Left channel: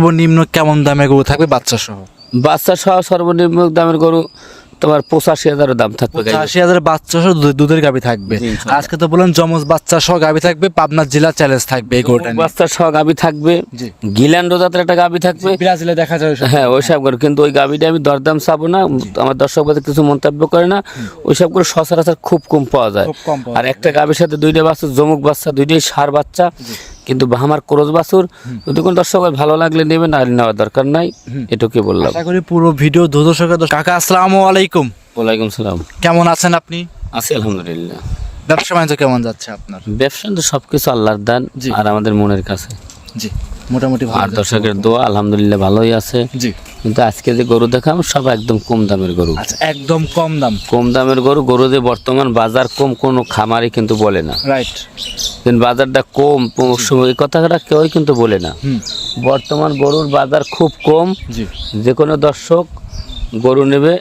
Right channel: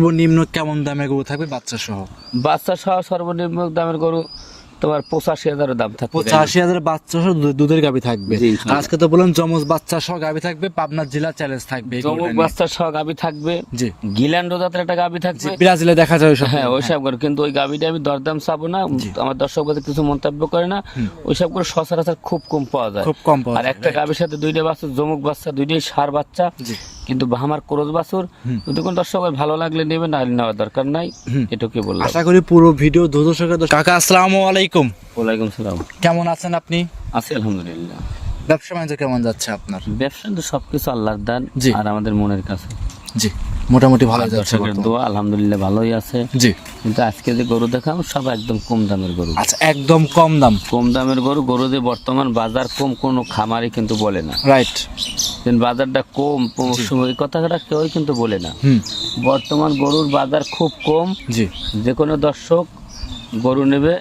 সর্বনিম্ন কেমন দামে গরু থাকবে বাচ্চা সহ? বাচ্চা সহ সর্বনিম্ন দামের গরু তোমার পঁচাশি হাজারের দাম থাকবে পঁচাশি হাজার বাচ্চা সহ দুধের গাবি থাকবে। আজকে তো বললেন জমজ বাচ্চা সহ গাবি থাকবে পাবনা জেলা চ্যালেঞ্জ থাকবে এই গরুটা বাচ্চা সহ গাবি থাকবে। জি। গিল্যান্ড জাতের একটা গাবি থাকবে। ব্রাজিলে দেখা যায়। হ্যাঁ ওইসব করে কিন্তু ওই গাবিটা আমি দরদাম চাবো না। আমার দর্শক বাদে কিছু মন্তব্য করে না। ওইসব করে সচরাচর খুব কম পাওয়া যায়। খুব কম পাওয়া আর একটা গাবির সাথে দুইটা বাচ্চা জমুক বাচ্চা দুইটাই সার বাচ্চা। কিন্তু আমার ক্রোজ বাছুর যদি কোনো দর্শক ভালো লাগলে নেবেন আর নেওয়ার দরকার নাই এটুকু বললাম। আশা করি পুরো ভিডিও দর্শকের কাকা আসসালামু আলাইকুম। ওয়ালাইকুম সালাম। কেমন আছেন আপনি? আছি আলহামদুলিল্লাহ। ব্যবসা বাণিজ্য কেমন যাচ্ছে আপনার? ব্যবসা তো সবকিছু আল্লাহর দান। আর আমাদের মনের কাছে। জি। মোটামুটি ভালো দর্শকের দোয়া আলহামদুলিল্লাহ ভালোই আছে। জি। কিন্তু আজকে যে গরু দেখাম সব একদম কম দামের গরু। আচ্ছা একদম কম দাম। কম দামের গরু গরু যে বর্তমান বাজার কম কোনো খামারি কিন্তু বলে না। রাইট বাজারটা কম এই কথাটা কেউই কিন্তু বলে না। বর্তমান গরুর বাজার খুব কম। জি। যে কোনো দর্শক গরু নেবে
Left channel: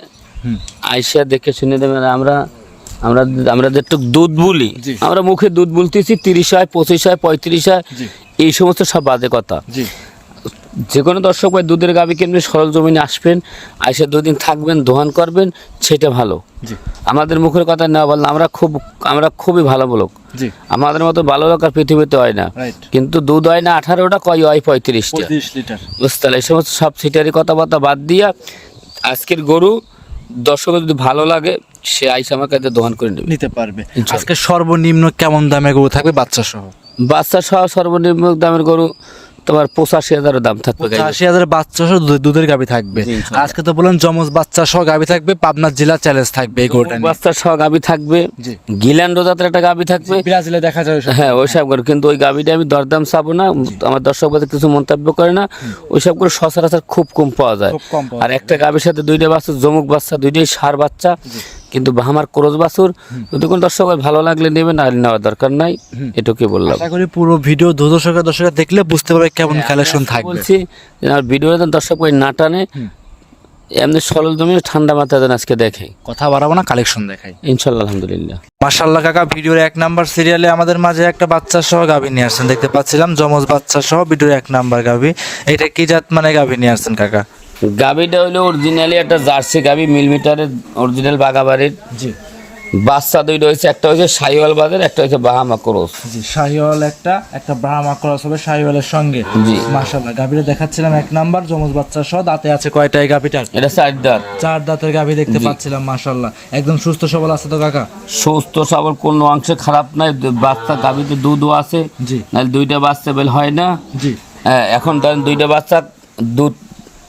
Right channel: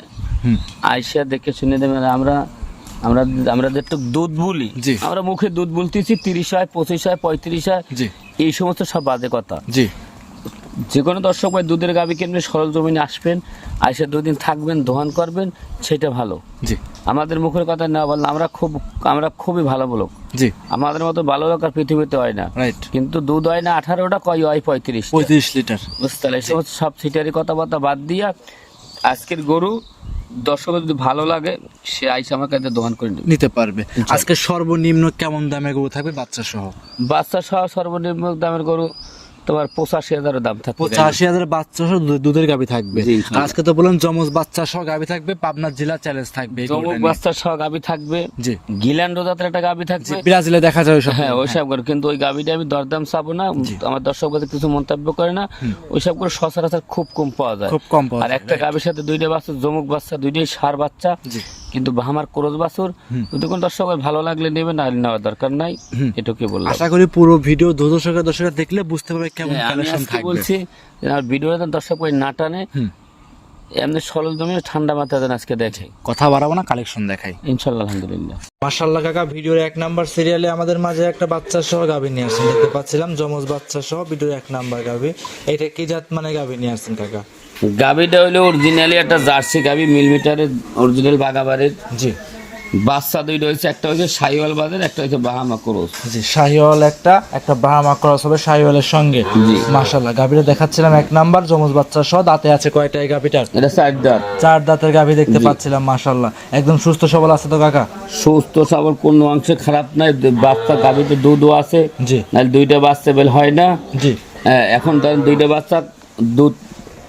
আইসা দেখে শুনে দেবেন আমরা আমরা আমরা যেটু দুধ বলি আমরা মুখে দুধ বলতেছি তিরিশ হয় পঁচিশ হয় পঁয়ত্রিশ হয়। এই সমস্ত সব বাজে কথা। জি। যে কোনো দর্শক ভাই দুধের গাবি কিনবে সরল জমিনে আসবেন আইসা দুদিন থাকবেন দোহান করবেন সেটা ভালো। জি। আমাদের মুখের কথা না বললে আমরা খুব আমরা খুবই ভালো লোক। জি। আমাদের মতো ভালো লোক আর পৃথিবীতে হয় না। রাইট কিন্তু দুধ হয় না আঠারোটা কয় হয় পঁয়ত্রিশটা। পঁয়ত্রিশ লিটার। বুঝতে পারলে এই সমস্ত সব সিটারি কথাবার্তা বাদ দিয়া আজকের গরু দর্শকের যদি ভালো লাগে সে আইসা আমার কাছে দোকান করে নেবে। নিতে পারবে। আজকে সর্বনিম্ন কেমন দামে গরু থাকবে বাচ্চা সহ বাচ্চা সহ সর্বনিম্ন দামের গরু তোমার পঁচাশি হাজারের দাম থাকবে পঁচাশি হাজার বাচ্চা সহ দুধের গাবি থাকবে। আজকে তো বললেন জমজ বাচ্চা সহ গাবি থাকবে পাবনা জেলা চ্যালেঞ্জ থাকবে। বাচ্চা সহ গাবি থাকবে গিল্যান্ড জাতের একটা গাবি থাকবে। ব্রাজিলে দেখা যায়। হ্যাঁ ওইসব করে। কিন্তু ওই গাবিটা আমি দরদাম চাবো না। আমার দর্শক কিছু মন্তব্য করে না। ওইসব করে সচরাচর খুব কম পাওয়া যায়। খুব কম আর একটা গাবির সাথে দুইটা বাচ্চা জমুক বাচ্চা দুইটাই সার বাচ্চা। কিন্তু আমার ক্রোজ বাছুর যদি কোনো দর্শক ভালো লাগলে নেবেন আর নেওয়ার দরকার নাই এটুকুই বললাম। আশা করি পুরো ভিডিও দর্শকের দর্শকের দেখলে বুঝতে পারবে কেমন হ্যাঁ, কালেকশন থাকবে। বলছি যে আমার ভিডিও দর্শক ভাই না টানে এমনি সরল জমি ঠান্ডা মাথায় যেন আজকে দেখে। কথা বাড়াবো না কালেকশন দেখাই। ইনশাল্লাহ আলহামদুলিল্লাহ। মাশাল্লাহ কাকা ভিডিওর এক নাম্বার সিরিয়ালে আমাদের মাঝে একটা বাচ্চা সহ গাভী নিয়ে আসছেন দেখতে পাচ্ছিলাম জমজ বাচ্চা সহ ভিডিওর এক নাম্বার গাভী। এটা কি জাত মানে গাভী নিয়ে আসছেন কাকা? গাবিটা হলো অরিজিনালি একটা জার্সি গাবি মিলিমিটারের অরিজিনাল বাগাবাড়ির জি। বাচ্চা দুইটা হয়েছে একটা হয়েছে সাইওয়াল বাজার একটা হয়েছে বাহামা ক্রোস। জি শাহিওয়াল একটা একটা ব্রাহ্মা ক্রস হবে শাহিওয়ালের সঙ্গে। জি। মাশাল্লাহ গাভীটা দেখাচ্ছিলাম এক নাম্বার জমজ বাচ্চা সহ দাঁতে আছে কয়টা এই গাভীটার এটা চার দাঁত। চার দাঁতের গাভী দেখতে পাচ্ছিলাম মাশাল্লাহ একদম সুস্থ সবল আছে তো কাকা? সুস্থ সবল কোনো অংশে খারাপ নাই বাচ্চা গাবিতে দুধও আছে। জি। নাহলে দুইটা বাচ্চা বেল হয় না। জি। হ্যাঁ, এখন ধরেন দুইটা বাচ্চা দুধ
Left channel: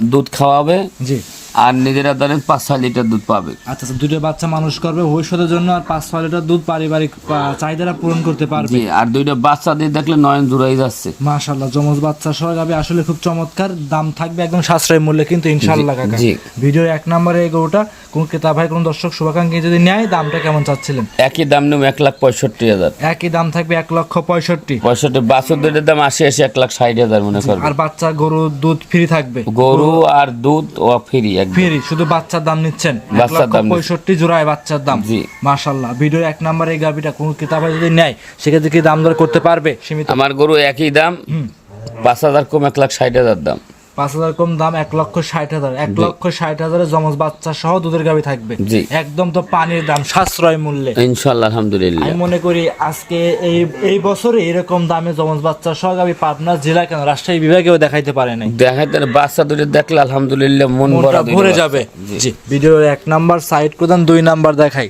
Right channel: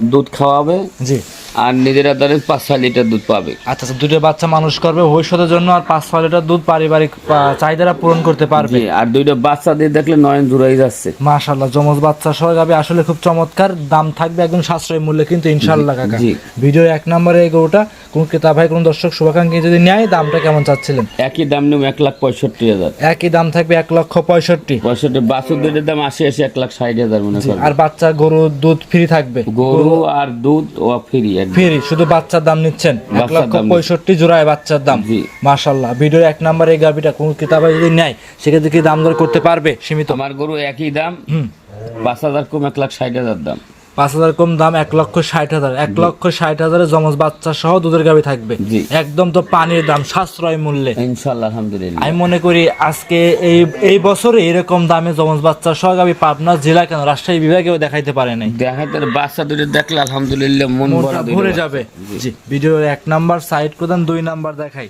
দুধ খাওয়াবে। জি। আর নিজেরা ধরেন পাঁচ ছয় লিটার দুধ পাবে। আচ্ছা আচ্ছা দুটো বাচ্চা মানুষ করবে ভবিষ্যতের জন্য আর পাঁচ ছয় লিটার দুধ পারিবারিক চাহিদাটা পূরণ করতে পারবে। আর দুইটা বাচ্চা দিয়ে দেখলে নয়ন জুড়াই যাচ্ছে। মাশাল্লাহ জমজ বাচ্চা সহ গাবে আসলে খুব চমৎকার দাম থাকবে একদম সাশ্রয় মূল্যে কিন্তু ইনশাল্লাহ কাকা। ভিডিও এক নম্বরে এই গরুটা কোন ক্রেতা ভাই কোন দর্শক শুভাকাঙ্ক্ষী যদি নেয় দামটা কেমন চাচ্ছিলেন? একই দাম নেব এক লাখ পঁয়ষট্টি হাজার। একই দাম থাকবে এক লক্ষ পঁয়ষট্টি। পঁয়ষট্টি বাছুর দুধের দাম আসে এসে এক লাখ ষাট হাজার মনে আর বাচ্চা গরু দুধ ফ্রি থাকবে? গরু আর দুধ ও ফ্রি ফ্রি শুধু বাচ্চার দাম নিচ্ছেন? এক লক্ষ পঁয়ষট্টি জোড়ায় বাচ্চার দাম। মাশাল্লাহ ভিডিও এক নম্বরে এই গাভিটা কোন কিতাবে যদি নেয় সেক্ষেত্রে কি দাম দর করতে পারবে সীমিত? আমার গরু একই দাম পাঁচ হাজার কম এক লাখ ষাট হাজার দাম। পাঁচ হাজার কম দাম এক লক্ষ ষাট হাজার। এক লক্ষ ষাট হাজারের জমজ বাচ্চা সহ দুধের গাভি থাকবে। একদম তো পানির দাম সাশ্রয় মূল্যে। ইনশাল্লাহ আলহামদুলিল্লাহ। আমি মনে করি আজকে এই এই বছরে এরকম দামে জমজ বাচ্চা সহ গাভি পাবনা জেলা কেন রাজশাহী বিভাগেও দেখাইতে পারে নাই? দেখাতে বাচ্চা দুটো দেখলে আলহামদুলিল্লাহ মনটা ভরে যাবে। জি। ভিডিও এক নাম্বার সাইড প্রদান দুই নাম্বার দেখাই।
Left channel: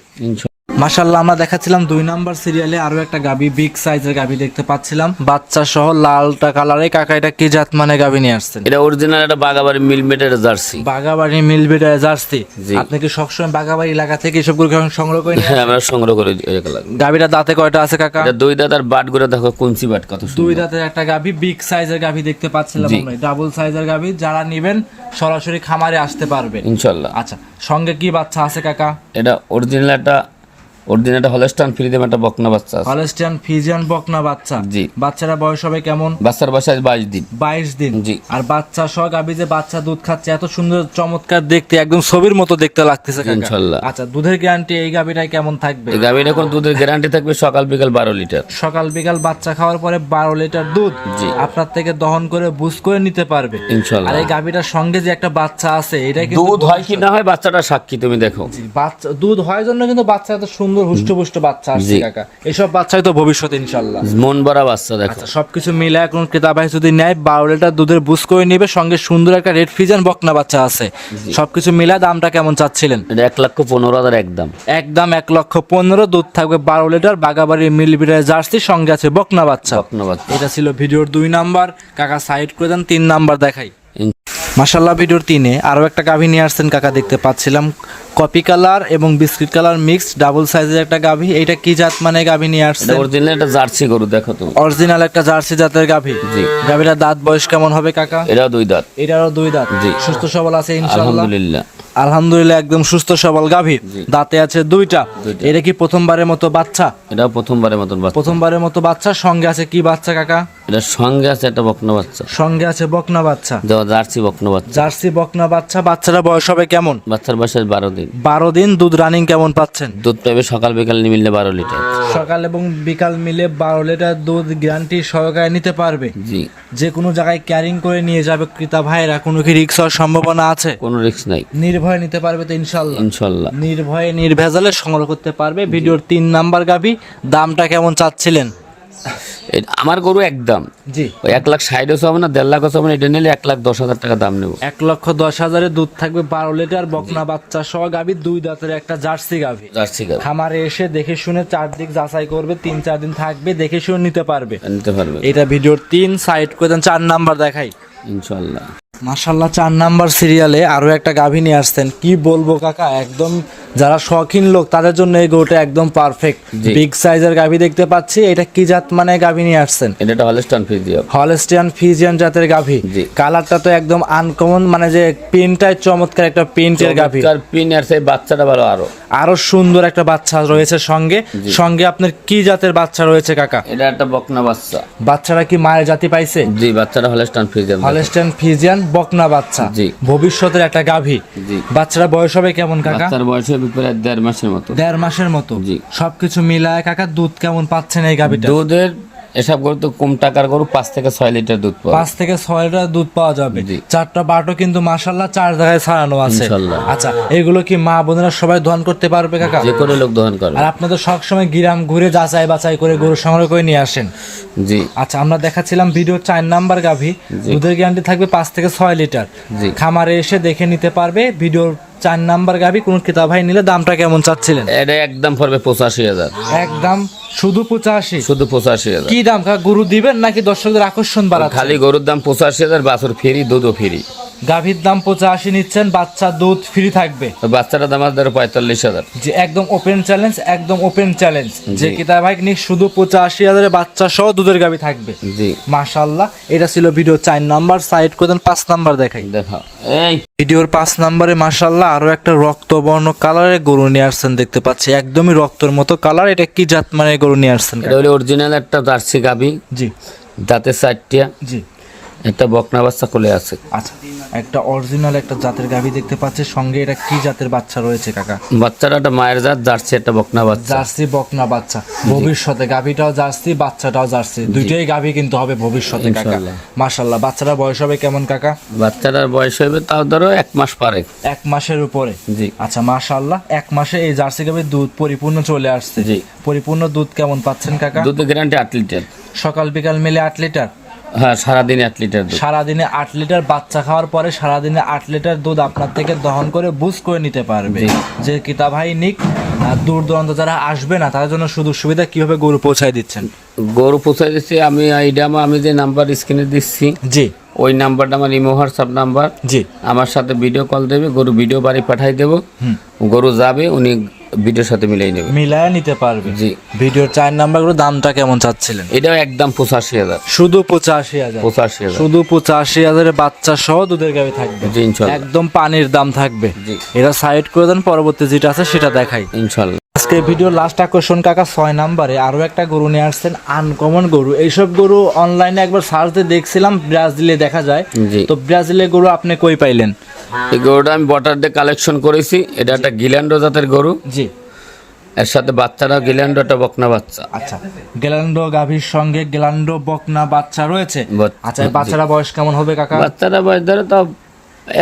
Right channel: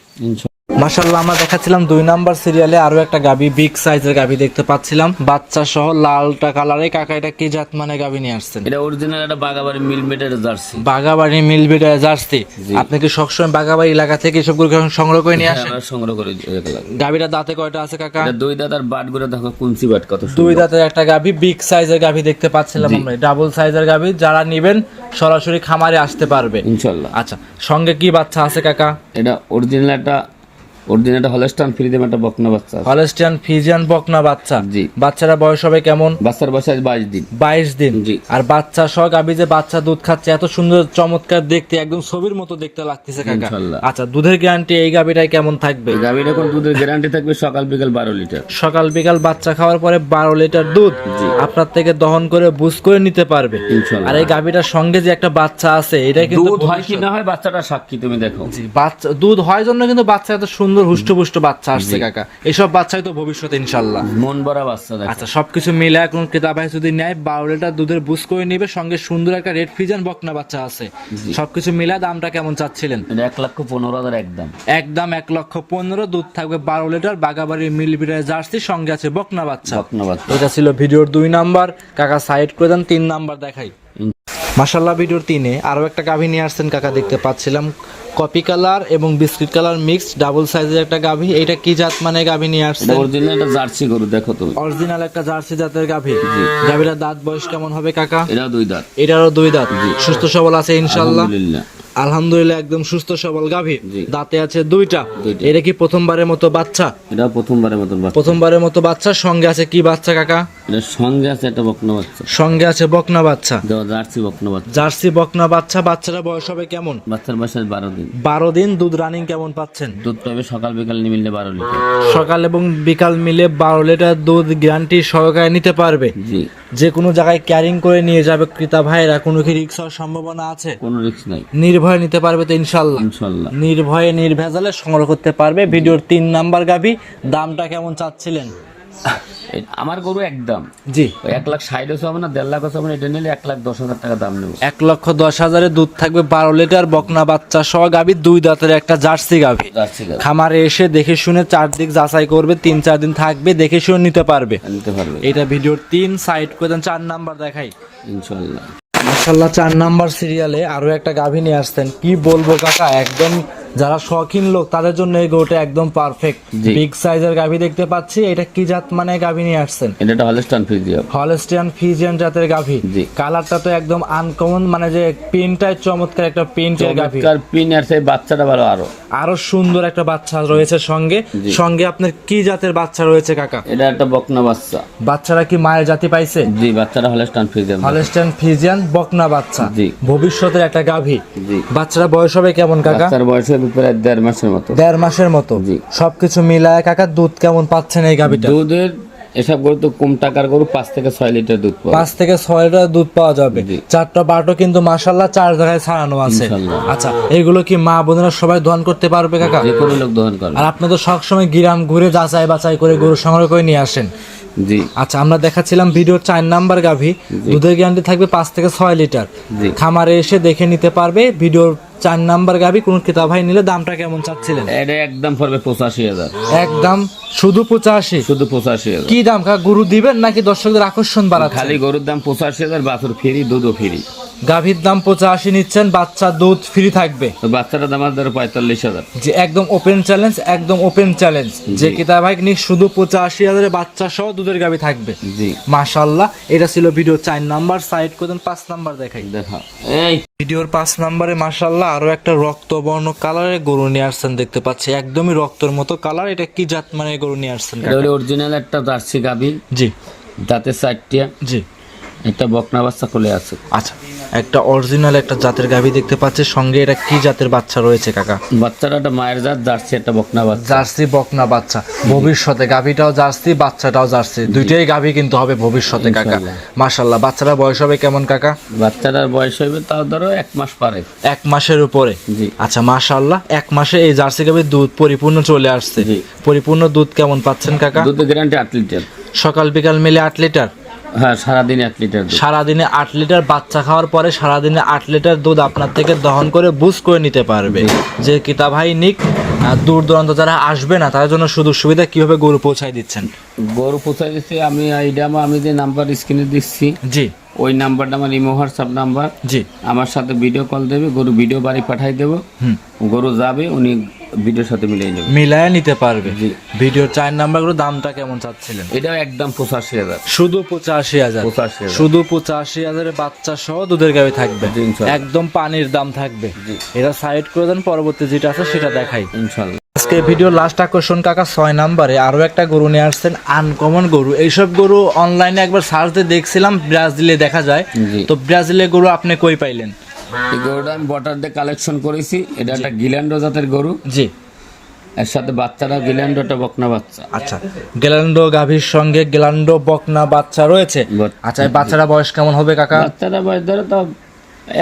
মাশাল্লাহ আমরা দেখাচ্ছিলাম দুই নাম্বার সিরিয়ালে আরও একটা গাবি বিগ সাইজের গাবি দেখতে পাচ্ছিলাম। বাচ্চা সহ লালটা কালারে কাকা এটা কি জাত মানে গাবি নিয়ে আসছেন? এটা অরিজিনাল একটা বাগাবাড়ি মিল মেটের জার্সি। বাগাবাড়ি মিলবিটা জার্সি। আপনি কি সবসময় বাগাবাড়ি এলাকা থেকে এসবগুলো সংগ্রহ করে নিয়ে হ্যাঁ আসেন? আমরা সংগ্রহ করে গাবিটা দাঁতে কয়টা আছে কাকা? এটা দুই দাদার বাট করে দেখো কুঞ্চি বাট কত দুই দাঁতের একটা গাভি বিগ সাইজের গাভি দেখতে পাচ্ছিলাম আমরা। ডাবল সাইজের গাভি যারা নিবেন সরাসরি খামারে আসতে পারবে। ইনশাল্লাহ আচ্ছা সঙ্গে কি বাচ্চা আছে কাকা? এটা অরিজিনাল একটা অরিজিনালটা হলস্টান একটা বকনা বাচ্চা বকনা বাচ্চা। জি। বাচ্চারা বয়স হবে কেমন? বাচ্চার বয়স আজ বাইশ দিন। বাইশ দিন। জি। আর বাচ্চা সহ গাবি যে বাচ্চা দুধ খাচ্ছে এত সুন্দর চমৎকার দেখতে একদম ছবির মতো দেখতে লাগতেছে কাকা। আচ্ছা দুধের গ্যারান্টি এই গাবিটাই কেমন থাকবে? এই দুধের গ্যারান্টি থাকবে সকাল বিকাল বারো লিটার। সকাল বিকাল বাচ্চা খাওয়ার পরে বারো লিটার দুধ জি। আপনার থেকে দহন করে বুঝ করে নিতে পারবে। আর এই গাবিটার সঙ্গে যে একটা বাচ্চা আছে এটা কিন্তু দুধ হয় কি না হয় বাচ্চাটা সাক্ষী তুমি দেখো। জি, বাচ্চা দুধ হয় জন্য কিন্তু বাচ্চা এত সুন্দর হুষ্টপুষ্ট বাচ্চা আসছে কাকা। এসব বাচ্চাই তো ভবিষ্যৎ ইনশাল্লাহ। মন ভরা বাচ্চা আচ্ছা সবকিছু মিলে এখন ক্রেতাবাই যদি নেয় বারো লিটার দুধের বুস করে নিবে সঙ্গে সুন্দর একটা রেড ফিজান বকনা বাচ্চা আছে। সবকিছু মিলা দামটা কেমন চাচ্ছিলেন? এক লক্ষ পনেরো হাজার একদম একদম এক লক্ষ পনেরো দুধ থাকবে বারো লিটার বাগাবাড়ি মিলবিটার জার্সি সঙ্গে আছে বকনা বাচ্চা। বকনা বাচ্চা। এটা ছিল ভিডিওর দুই নাম্বার। কাকা সাইড করে দেন তিন নাম্বার দেখাই। মাসাল্লাহ ভিডিওর তিনে আরও একটা গাভী নিয়ে আসছেন কাকা দেখতে পাচ্ছিলাম। কপি কালার এবং বিস্কিট কালার মিক্স ডাবল সাইজের একটা গাভী। এটা কি জাত মানে গাভী নিয়ে এটা আসছেন অরিজিনাল একটা জার্সি গরু দেখো তো অরিজিনাল একটা জার্সি জাতের গাভী। জি। গাভীটার দাঁত বয়স কেমন হবে কাকা? এটা দুই দাঁত। এটারও দুই দাঁত। জি। সুস্থ সবল আছে ইনশাল্লাহ আলহামদুলিল্লাহ। একদম সুস্থ সবল গাভী। দাঁতে আছে দুইটা। এটা কি প্রথমবারের মতো বাচ্চা? এটা প্রথমবারের মতো বাচ্চা। প্রথমবারের মতো বাচ্চা। সঙ্গে আছে কি বাচ্চা কাকা? এটার সঙ্গে আছে একটা বকনা বাচ্চা। সঙ্গে আছে বকনা বাচ্চা। জার্সি বকনা বাচ্চা। জার্সি বকনা বাচ্চা বাচ্চারা বয়স হবে কেমন? বাচ্চার বয়স বারো দিন। বারো দিন দুধ রানিং কেমন পাচ্ছেন? দুধ পাবে সকাল বিকাল নিমিললে বারো লিটার সকাল এবং বিকাল মিলে বারো লিটার দুধ গ্যারান্টি সহকারে নিতে পারবে। জি। যে কোনো জায়গায় ক্যারিং করে নিয়ে যাবে ক্রেতা ভাইরা কোনো কি রিক্স হওয়ার সম্ভাবনা আছে? কোনো রিক্স নাই। নির্ভয়ে নিতে পারবে তো ইনশাল্লাহ ইনশাল্লাহ নির্ভয়ে নির্ভেজালে সংগ্রহ করতে পারবে। ভিডিওর তিন নাম্বার গাবি দামটা কেমন চাচ্ছিলেন? আমার গরু একদম। জি। ওই এক লাখ ষাট হবে না দেড় লাখ হবে না এটা নিলে এক লাখ দশ হাজার টাকা দাম নেব। এক লক্ষ দশ হাজারে দুধ থাকবে বারো লিটার বকনা বাচ্চা সহ গাবি দুই দাঁতের একটা জার্সি গাবি জার্সি গাছ খামারে এসে দেখে শুনে চারদিক যাচাই করবে তিন চার দিন থাকবে দেখে শুনে নিতে পারবে। নিতে পারবে। এটা ভিডিওর তিন সাইড করে দেন চার নাম্বার দেখাই। ইনশাল্লাহ। মাসাল্লাহ চার নাম্বার সিরিয়ালে আরও একটা গাভী নিয়ে আসছেন। কি বলব কাকা একদম যারা শখিন লোক তাদের জন্য এই গরুটা একদম পারফেক্ট। বিগ সাইজের গাভী দেখতে পাচ্ছি। এটা কি জাত মানে গাভী নিয়ে আসছেন? এটা হলস্টিয়ান ফিজিয়ান জাতের গাভী। কালারটা তো একদম আনকমন মানে যে প্রিন্টটাই চমৎকার একটা প্রিন্টের গাভী। চমৎকার পিন আর সেই বাচ্চাটা ভালো আরও। আরও সুন্দর একটা বাচ্চা রয়েছে সঙ্গে। সঙ্গে আপনার কি জাতের বাচ্চা রয়েছে কাকা? এটা একটা বকনা বাচ্চা। বাচ্চারা কি মায়ের জাতি পাইছে? জি বাচ্চাটা হলস্টান ফ্রিজ হলস্টিয়ান ফিজিয়ান বকনা বাচ্চা। জি। ভবিষ্যতের একটা গাভী। জি। বাচ্চারা বয়স হবে কেমন কাকা? বাচ্চার বয়স প্রায় দেড় মাসের মতো। দেড় মাসের মতো? জি। সবকিছু মিলায় কাকা দুধ কেমন পাচ্ছেন এই গাভীটা? দুধের এসব গরু তো কম টাকার গরু পাঁচ থেকে ছয় লিটার দুধ পাঁচ থেকে ছয় লিটার দুধ পাওয়া যাবে। চারটা বাটো কিন্তু মাসাল্লাহ চার জায়গায় ছাড়ানো আছে। আচ্ছা এগুলো কি মা বোনেরা সবাই দহন করতে পারবে কাকা? যে কোনো লোক দহন করবে। আর আপনি তো সবসময় গিরাম ঘুরে যাচাই বাছাই করে গরু সংগ্রহ করে নিয়ে আসেন। জি। আচ্ছা আমরা দেখাচ্ছিলাম ভিডিও চার নাম্বার গাভী। দুধের গ্যারান্টি থাকবে পাঁচ থেকে ছয় লিটার। খামারে এসে দেখে নিতে পারবে ভিডিওর চার নাম্বার গাবি কোন কিতাব ভাই নিলে দামটা কেমন চাচ্ছিলেন? এটা একদম পড়বে পঁচাশি হাজার। একদম শুধু পঁচাশি? শুধু পঁচাশি হাজার। কি দাম? গরু দিবেন নাকি দর্শকদের আকর্ষণ বাড়া খালি গরুর দাম পঁচাশি হাজার বাছুর ফেরি দুধও ফ্রি। গাভীর দাম পঁচাশি নিচ্ছেন বাচ্চা দুধ ফ্রি থাকবে। বাচ্চাটা দাম আছে ধরো পঁয়তাল্লিশ হাজার। যে একদম ওপেন চ্যালেঞ্জ একদম ওপেন চ্যালেঞ্জ যে কিতাব ভাই নিক শুধু পঁচাশি হাজারের বাচ্চা সহ দুধের গাভী থাকবে। জি। মাশাল্লাহ এটা ছিল ভিডিও চার নাম্বার সাইড করে দেন পাঁচ নাম্বার দেখাই। দেখা। এই। ভিডিওর পাঁচ নাম্বারে মাশাল্লাহ আরও একটা রক্তবর্ণ কালারের গরু নিয়ে আসছেন দেখতে পাচ্ছি। একদমই রক্তর মতো কালার এটা কি জাত মানে গরু নিয়ে আসছেন অরিজিনাল একটা জার্সি গাবি জি। দাঁতে চারটিয়া জি। একটা বকনা বাচ্চা কোলে আছে। আচ্ছা একটা অরিজিনাল একটা জাতের গাভী দেখতে পাচ্ছি সঙ্গে এটা কি জাতের বাচ্চা রয়েছে কাকা? বাচ্চাটা একটা মায়ের জাত জার্সি একটা বকনা বাচ্চা। জার্সি বকনা বাচ্চা। ভবিষ্যতে গাভীটাও জার্সি বাচ্চাটাও জার্সি। দুইটাই গাভী কিন্তু হবে ভবিষ্যতে কাকা। ইনশাল্লাহ। মাশাল্লাহ বাচ্চারা বয়স হবে কেমন কাকা? বাচ্চাটার বয়স হবে তাও ধরো এক মাস পরে। এক মাসের উপরে। জি। আচ্ছা মাশাল্লাহ এক মাসে এই জার্সি গাভীর দুধ পরিপূর্ণ চলে আসছে। জি। পরিপূর্ণ দুধ কেমন পাচ্ছেন কাকা? দুধ গ্যারান্টি আট লিটার। সকাল বিকাল মিলে আট লিটার? হ্যাঁ সারাদিন এক লিটার সারাদিনে আট লিটার বাচ্চা খাওয়ার পরে সারাদিনে আট লিটার দুধ আপনার থেকে দহন করে বুস করে নিতে পারবে। যে কিতা ভাই নিক দূর দূরান্ত যারা আসবে না তাদের জন্য সুযোগ সুবিধা কীভাবে গরু পৌঁছায় দিচ্ছেন? গরু পৌঁছাই দিচ্ছি আমি এইটা আমি যে নাম্বার স্ক্রিনে দিচ্ছি জি। ওই নাম্বারটা আমার ইমো হোয়াটসঅ্যাপ নাম্বার। জি। আমার সাথে ভিডিও কল দেবে গরু ভিডিও বাড়ি পাঠাই দেবো। গরু যাবে উনি ভিডিওর সাথে মিলিয়ে নেবে। মিলায় নিতে পারবে। জি। ভিডিওর চার নাম্বারগুলো দামটা কেমন চাচ্ছিলেন? এটাও একদম পঁচাশি হাজার। শুধু পঁচাশি হাজার। পঁচাশি হাজার। শুধু পঁচাশি হাজারের বাচ্চা সহ দুধের গাড়ি থাকবে। জি ইনশাল্লাহ। একদম পানির দাম থাকবে। জি। এটা সাইড করে দেন পরবর্তী যেটা আছে সেটা দেখাই। ইনশাল্লাহ। আজকে ভিডিও লাস্ট আকর্ষণ কাকা ছয় নাম্বারে আরও একটা গরু নিয়ে আসছেন আনকমন গরু। এইসব গরু অনলাইনে একবার সার্চ দিয়ে দেখছিলাম ব্রাজিলে দেখা যায়। জি। তো ব্রাজিলের গরু আপনি কই পাইলেন? এই গরুটা আমি বটার দিয়ে কালেকশন করেছি। এটা একটা গিল্যান্ডো জাতের গরু। জি। এর সাথে বাচ্চারা গিল্যান্ডো একটা বকনা বাচ্চা। আচ্ছা। গেলান্ডো গাভীর সঙ্গে গেলান্ডো বকনা বাচ্চা রয়েছে? আচ্ছা এই বাচ্চারা বয়স কেমন হবে কাকা? বাচ্চারা বয়স ধরে তো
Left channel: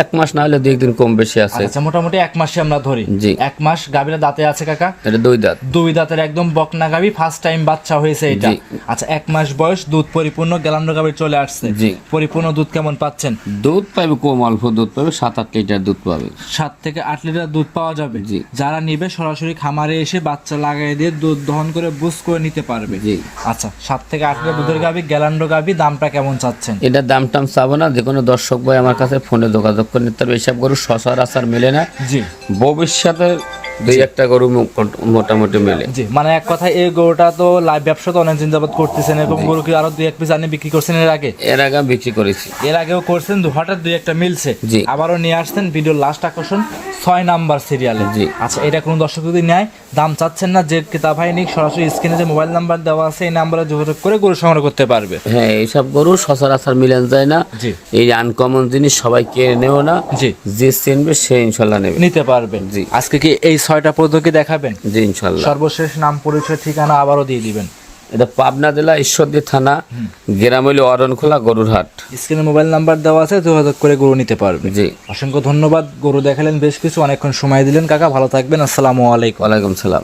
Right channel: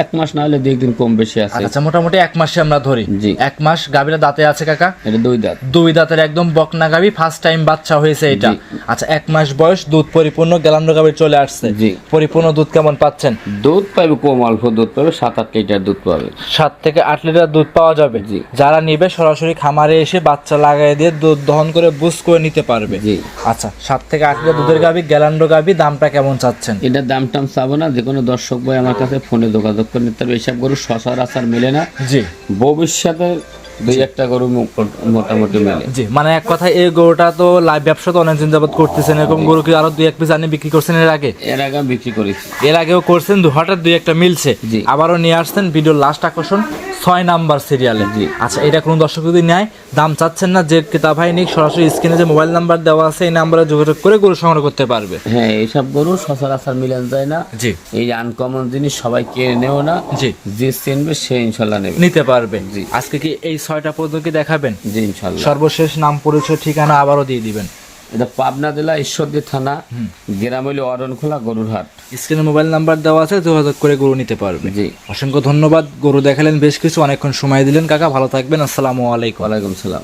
এক মাস না হলে দুই দিন কম বেশি আছে। আচ্ছা মোটামুটি এক মাসে আমরা ধরি। জি। এক মাস গাভীরা দাঁতে আছে কাকা? এটা দুই দাঁত। দুই দাঁতের একদম বকনা গাভী ফার্স্ট টাইম বাচ্চা হয়েছে এটা। আচ্ছা এক মাস বয়স দুধ পরিপূর্ণ গেলান্ডো গাভীর চলে আসছে। জি। পরিপূর্ণ দুধ কেমন পাচ্ছেন? দুধ পাবে কম অল্প দুধ পাবে সাত আট লিটার দুধ পাবে। সাত থেকে আট লিটার দুধ পাওয়া যাবে। জি। যারা নিবে সরাসরি খামারে এসে বাচ্চা লাগাই দিয়ে দুধ দহন করে বুস করে নিতে পারবে। জি। আচ্ছা সাত থেকে আট লিটার দুধের গাভী গ্যালান্ডো গাভী দামটা কেমন চাচ্ছেন? এটার দাম টাম চাবো না যে কোনো দর্শক ভাই আমার কাছে ফোনে যোগাযোগ করে নিতে পারবে এইসব গরু সচরাচর মেলে না। জি। ভবিষ্যতে দুই একটা গরু মোটামুটি মেলে। জি মানে এক কথা এই গরুটা তো লাইভ ব্যবসা তো অনেক দিন যাবত করতেছেন। এরকম গরু কি আরও দুই এক পিস আনি বিক্রি করছেন এর আগে? এর আগে বিক্রি করেছি। এর আগেও করছেন দু হঠাৎ দুই একটা মিলছে। জি। আবারও নিয়ে আসছেন ভিডিওর লাস্ট আকর্ষণ। ছয় নাম্বার সিরিয়ালে জি। আচ্ছা এটা কোনো দর্শক যদি নেয় দাম চাচ্ছেন না যে কিতাব ভাই নিক সরাসরি স্ক্রিনে যে মোবাইল নাম্বার দেওয়া আছে এই নাম্বারে যোগাযোগ করে গরু সংগ্রহ করতে পারবে। হ্যাঁ এইসব গরু সচরাচর মিলেন যায় না। জি। এই আনকমন জিনিস সবাই কেড়ে নেও না। জি। যে চিনবে সে ইনশাল্লাহ নেবে। নিতে পারবে। জি। আজকে কি এই ছয়টা পদ্ধতি দেখাবেন? জি ইনশাল্লাহ। সর্বশেষ নাম পরিচয় ঠিকানা আবারও দিয়ে দিবেন। এটা পাবনা জেলা ঈশ্বরদী থানা গ্রাম অরণ অরণখোলা গরুর হাট স্ক্রিনে মোবাইল নাম্বার দেওয়া আছে যোগাযোগ করে গরু নিতে পারবে। জি। অসংখ্য ধন্যবাদ গরু দেখালেন বেশ কিছু অনেকক্ষণ সময় দিলেন কাকা ভালো থাকবেন আসসালামু আলাইকুম। ওয়ালাইকুম সালাম।